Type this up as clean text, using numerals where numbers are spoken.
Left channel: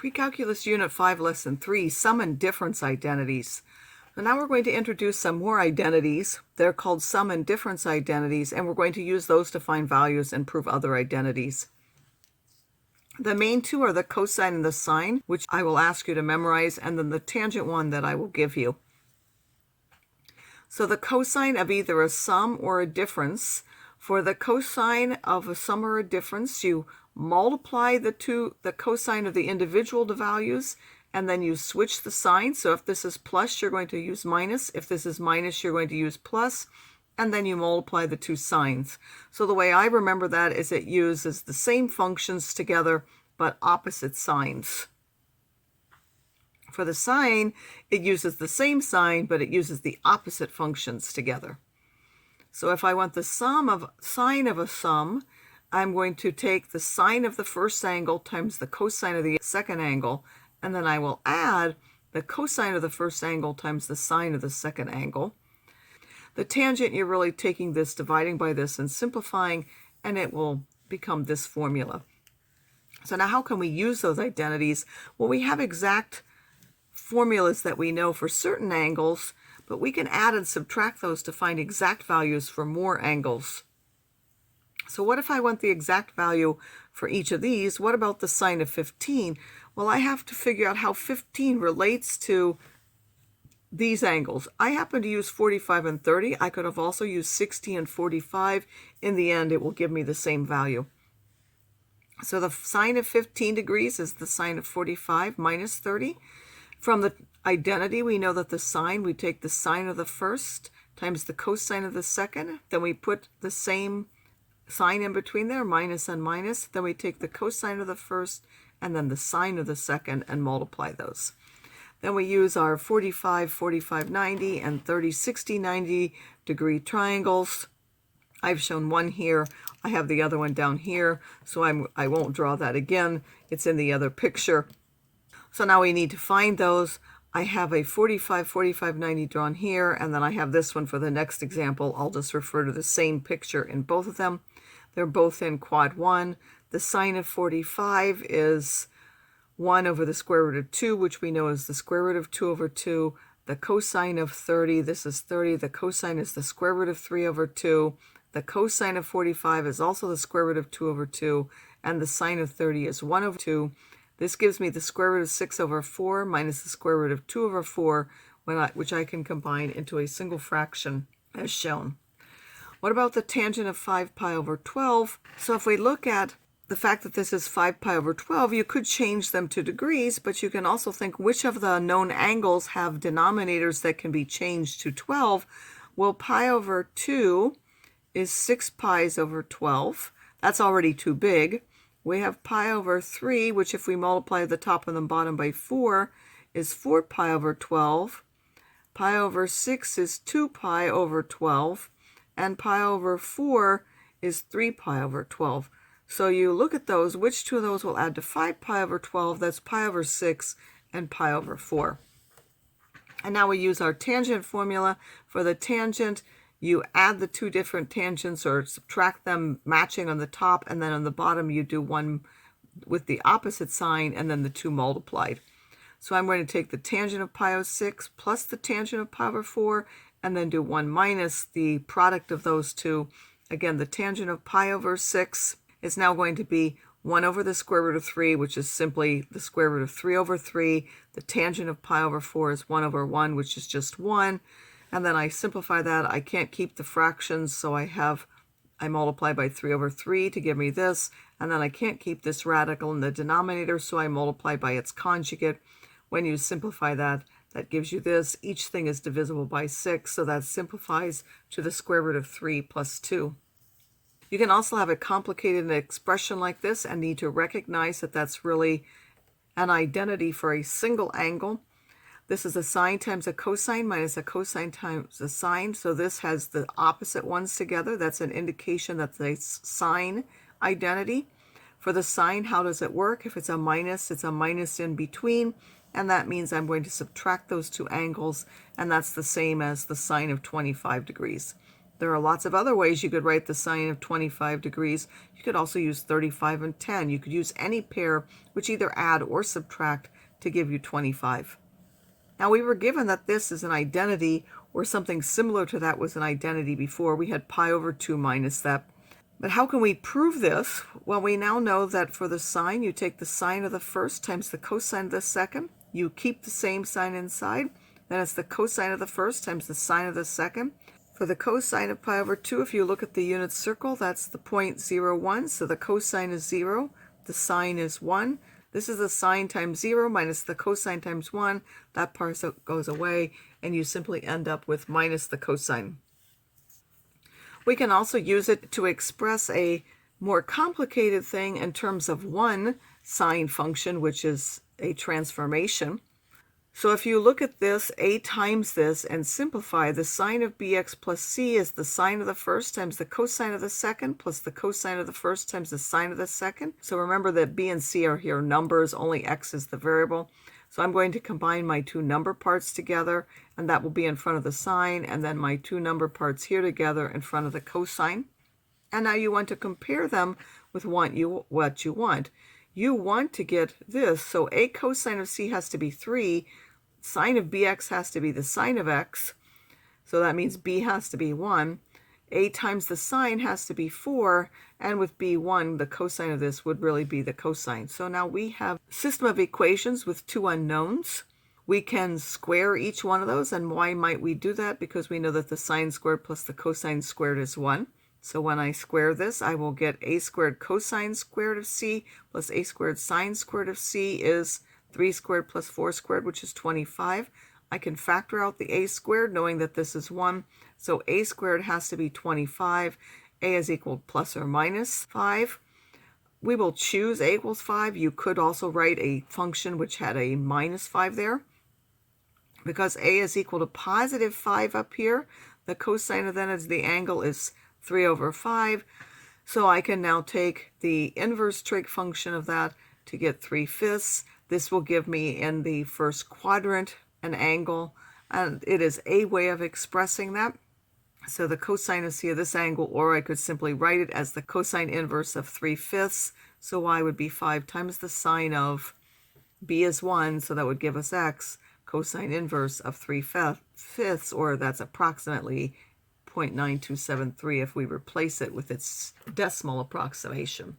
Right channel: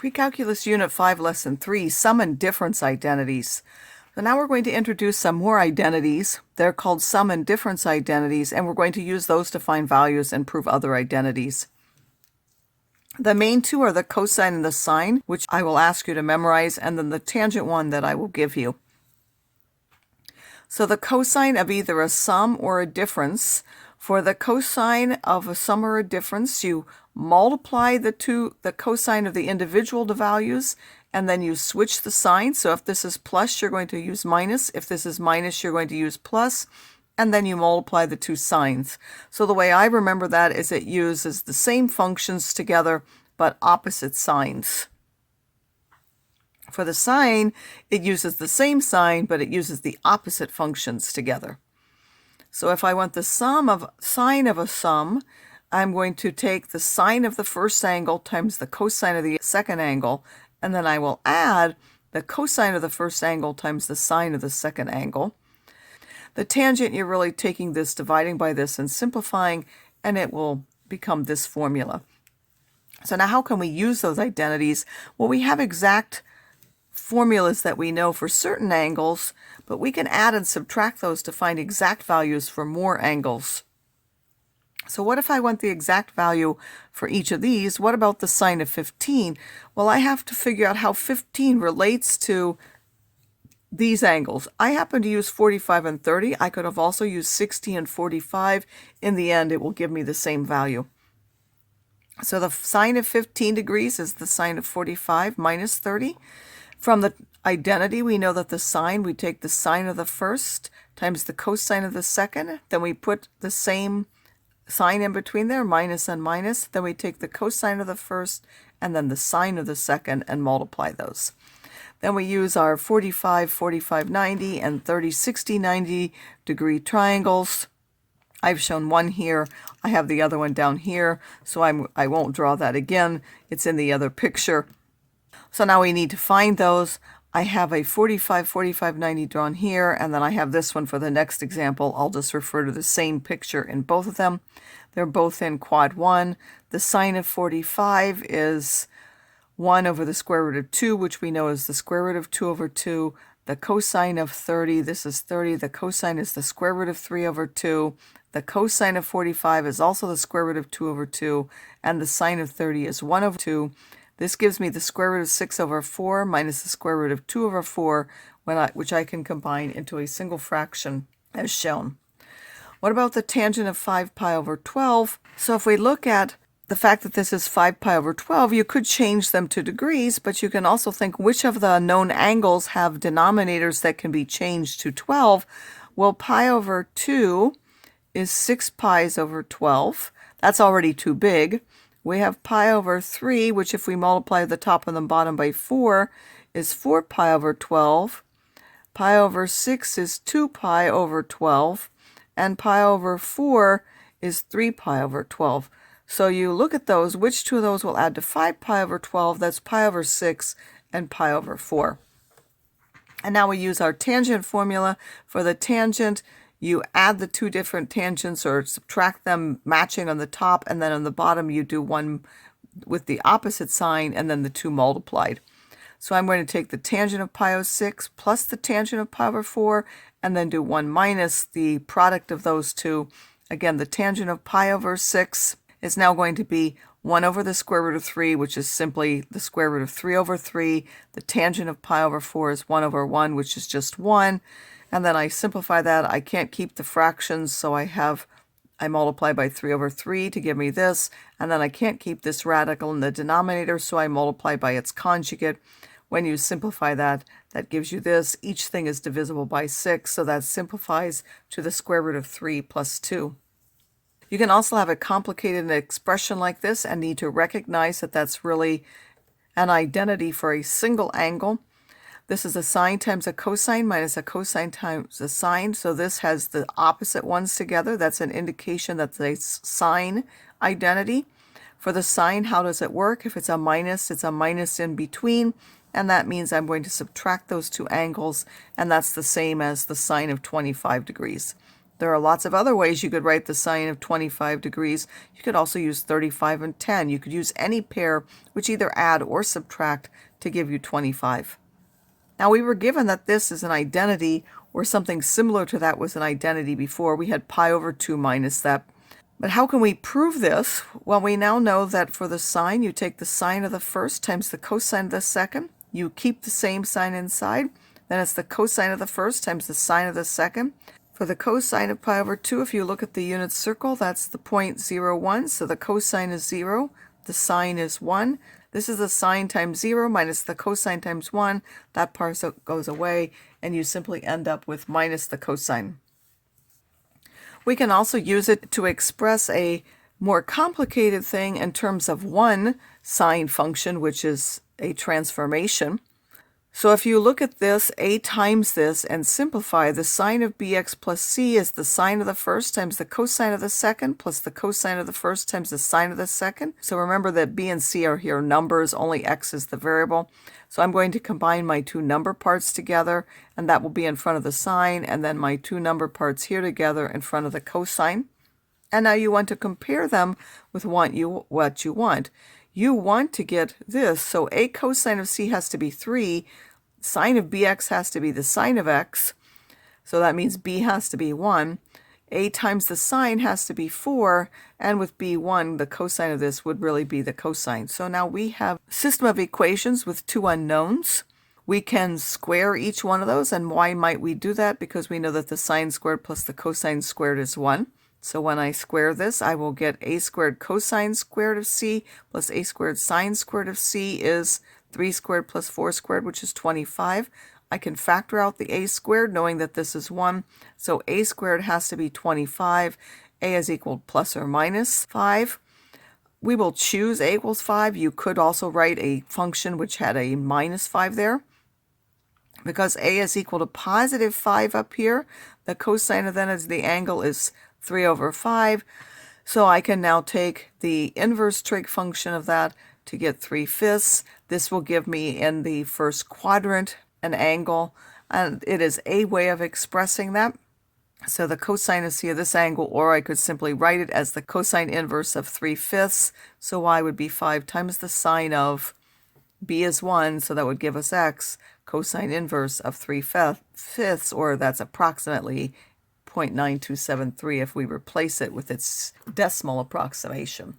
Pre-Calculus Unit 5, Lesson 3, Sum and Difference Identities. So now we're going to introduce some more identities. They're called sum and difference identities, and we're going to use those to find values and prove other identities. The main two are the cosine and the sine, which I will ask you to memorize, and then the tangent one that I will give you. So the cosine of either a sum or a difference. For the cosine of a sum or a difference, you multiply the cosine of the individual values, and then you switch the sign. So if this is plus, you're going to use minus. If this is minus, you're going to use plus, and then you multiply the two signs. So the way I remember that is it uses the same functions together, but opposite signs. For the sine, it uses the same sign, but it uses the opposite functions together. So if I want the sine of a sum, I'm going to take the sine of the first angle times the cosine of the second angle, and then I will add the cosine of the first angle times the sine of the second angle. The tangent, you're really taking this, dividing by this, and simplifying, and it will become this formula. So now how can we use those identities? Well, we have exact formulas that we know for certain angles, but we can add and subtract those to find exact values for more angles. So what if I want the exact value for each of these? What about the sine of 15? Well, I have to figure out how 15 relates to these angles. I happen to use 45 and 30. I could have also used 60 and 45. In the end, it will give me the same value. So the sine of 15 degrees is the sine of 45 minus 30. From the identity, we know that the sine, we take the sine of the first times the cosine of the second. Then we put the same sign in between there, minus and minus. Then we take the cosine of the first and then the sine of the second and multiply those. Then we use our 45, 45, 90 and 30, 60, 90 degree triangles. I've shown one here. I have the other one down here, so I won't draw that again. It's in the other picture. So now we need to find those. I have a 45, 45, 90 drawn here, and then I have this one for the next example. I'll just refer to the same picture in both of them. They're both in quad 1. The sine of 45 is 1 over the square root of 2, which we know is the square root of 2 over 2. The cosine of 30, this is 30. The cosine is the square root of 3 over 2. The cosine of 45 is also the square root of 2 over 2. And the sine of 30 is 1 over 2. This gives me the square root of 6 over 4 minus the square root of 2 over 4, which I can combine into a single fraction as shown. What about the tangent of 5 pi over 12? So if we look at the fact that this is 5 pi over 12, you could change them to degrees, but you can also think which of the known angles have denominators that can be changed to 12. Well, pi over 2 is 6 pi's over 12. That's already too big. We have pi over 3, which if we multiply the top and the bottom by 4, is 4 pi over 12. Pi over 6 is 2 pi over 12. And pi over 4 is 3 pi over 12. So you look at those, which two of those will add to 5 pi over 12? That's pi over 6 and pi over 4. And now we use our tangent formula. For the tangent, you add the two different tangents or subtract them matching on the top, and then on the bottom you do one with the opposite sign and then the two multiplied. So I'm going to take the tangent of pi over 6 plus the tangent of pi over 4 and then do 1 minus the product of those two. Again, the tangent of pi over 6 is now going to be 1 over the square root of 3, which is simply the square root of 3 over 3. The tangent of pi over 4 is 1 over 1, which is just 1. And then I simplify that. I can't keep the fractions, so I multiply by 3 over 3 to give me this. And then I can't keep this radical in the denominator, so I multiply by its conjugate. When you simplify that, that gives you this. Each thing is divisible by 6, so that simplifies to the square root of 3 plus 2. You can also have a complicated expression like this and need to recognize that that's really an identity for a single angle. This is a sine times a cosine minus a cosine times a sine. So this has the opposite ones together. That's an indication that the sine identity. For the sine, how does it work? If it's a minus in between. And that means I'm going to subtract those two angles. And that's the same as the sine of 25 degrees. There are lots of other ways you could write the sine of 25 degrees. You could also use 35 and 10. You could use any pair which either add or subtract to give you 25. Now we were given that this is an identity, or something similar to that was an identity before. We had pi over 2 minus that. But how can we prove this? Well, we now know that for the sine, you take the sine of the first times the cosine of the second. You keep the same sign inside. Then it's the cosine of the first times the sine of the second. For the cosine of pi over 2, if you look at the unit circle, that's the point 0, 1. So the cosine is 0, the sine is 1. This is the sine times 0 minus the cosine times 1. That part goes away, and you simply end up with minus the cosine. We can also use it to express a more complicated thing in terms of one sine function, which is a transformation. So if you look at this, a times this, and simplify, the sine of bx plus c is the sine of the first times the cosine of the second plus the cosine of the first times the sine of the second. So remember that b and c are here numbers, only x is the variable. So I'm going to combine my two number parts together, and that will be in front of the sine, and then my two number parts here together in front of the cosine. And now you want to compare them with what you want. You want to get this, so a cosine of c has to be 3, sine of bx has to be the sine of x, so that means b has to be 1. A times the sine has to be 4, and with b1, the cosine of this would really be the cosine. So now we have a system of equations with two unknowns. We can square each one of those, and why might we do that? Because we know that the sine squared plus the cosine squared is 1. So when I square this, I will get a squared cosine squared of c plus a squared sine squared of c is 3 squared plus 4 squared, which is 25. I can factor out the a squared, knowing that this is 1. So a squared has to be 25. A is equal plus or minus 5. We will choose a equals 5. You could also write a function which had a minus 5 there. Because a is equal to positive 5 up here, the cosine of then is the angle is 3 over 5. So I can now take the inverse trig function of that to get 3/5. This will give me in the first quadrant an angle, and it is a way of expressing that. So the cosine is here, this angle, or I could simply write it as the cosine inverse of 3/5. So y would be 5 times the sine of b is 1, so that would give us x, cosine inverse of 3/5, or that's approximately 0.9273 if we replace it with its decimal approximation.